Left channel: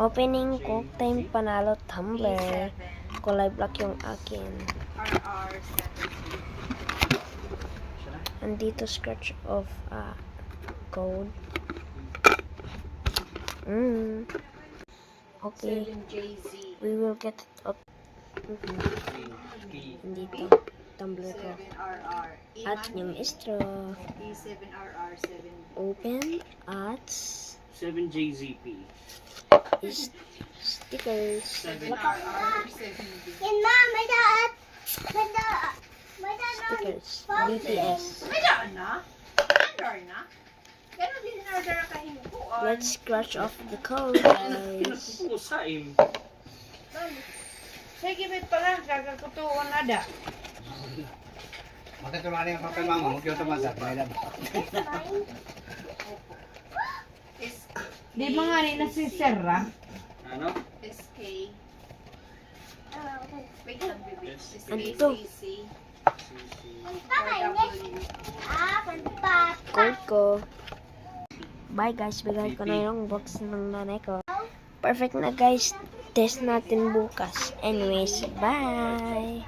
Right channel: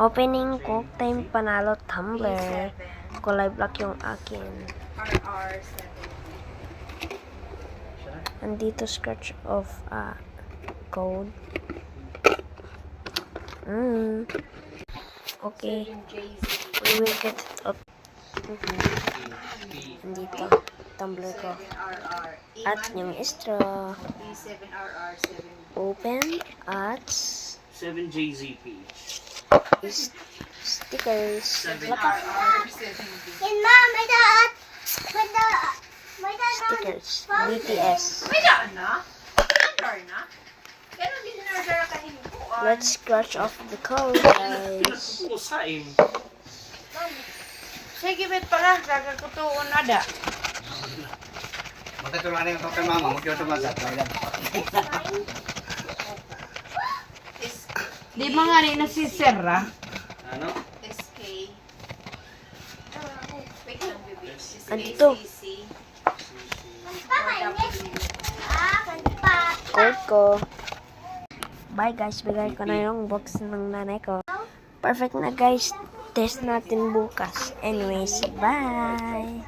Opening Cook Time Panalo Tumbler. Kulay black yung akin. Andito scratch of code. Okay. We will get it up. Andito. Tumbler ko. At yung straw. Open at 7JZP. Stickers. 7RR7B. Stickers. BTS. May daan na? May na? Kaya din na order ka hinukuan. Let's scratch off the code, guys. Nagpupusain. Sige, bet pala. Gagakutuon na da. Magkatuloy na yung kapay mama, mag-yoto magat. Di ba nga rin na si Sarah? Ano? SK. Wait lang, baby. Andito. Code ko. Bye guys, bigay ko na yung box ng nanay ko. Perfect na guys. Test natin bukas. Anyways, bye!